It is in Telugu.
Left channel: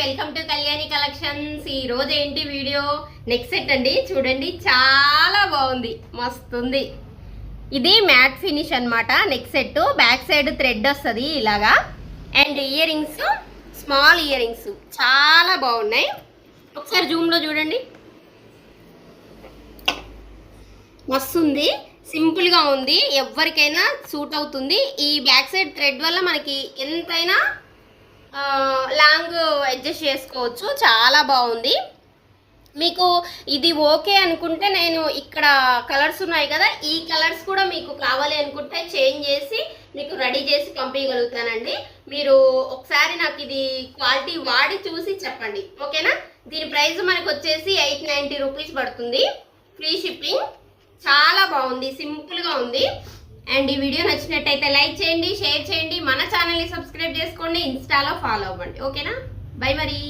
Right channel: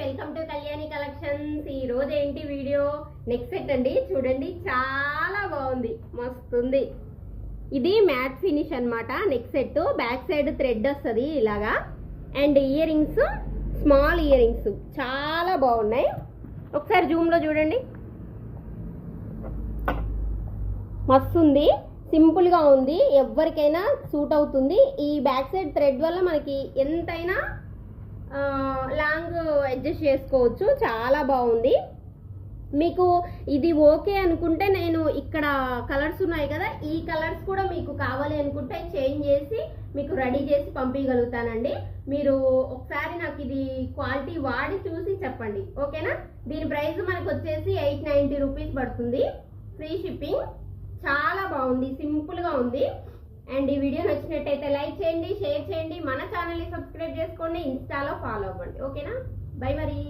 Welcome to Kalyani collections. ఈ రోజు ఏంటి వీడియో నెక్ సెట్ అండి. చూడండి చాలా బాగుంది, మస్తుంది. ఇది మ్యాట్ ఫినిష్ అన్నమాట. Neck set back side thread వస్తుంది ఇలాగా. And ear rings, small ear rings చాలా బాగున్నాయి. ఒకసారి జూమ్ లో చూడండి, మస్తుంది. సింపుల్ గా ఉంది, ఎవరికైనా సూట్ అవుతుంది. ఈ బ్యాక్ సైడ్ థ్రెడ్ వల్ల మనకి ఎంతైనా లాంగ్ అడ్జస్ట్ చేసుకోవచ్చు. చాలా బాగుంది. మీకు ఇది ఓకే అనుకుంటే నేను ఇక్కడ కలర్స్ ఉన్నాయి కదా, ఈ కలర్స్ కూడా మీకు కావాలి అనుకుంటే చేంజ్ చేసి మీకు రెడీ చేసి పంపించగలుగుతానండి. మీరు ఒకసారి నాకు ఇది క్వాలిటీ వాడి చూసి చెప్పండి, ఓకేనా. దీని ప్రైస్ మనకు వచ్చేసి 890 రూపీస్ పడుతుంది, ఫ్రీ షిప్పింగ్. చాలా బాగుంది, సింపుల్గా ఉంది. అండ్ ఈ వీడియో నచ్చినట్టయితే లైక్ చేయండి, షేర్ చేయండి, మన ఛానల్ని సబ్స్క్రైబ్ చేసుకోండి, ఇన్స్టాలో ఫాలో అవ్వండి, ఓకేనా. బై మరి.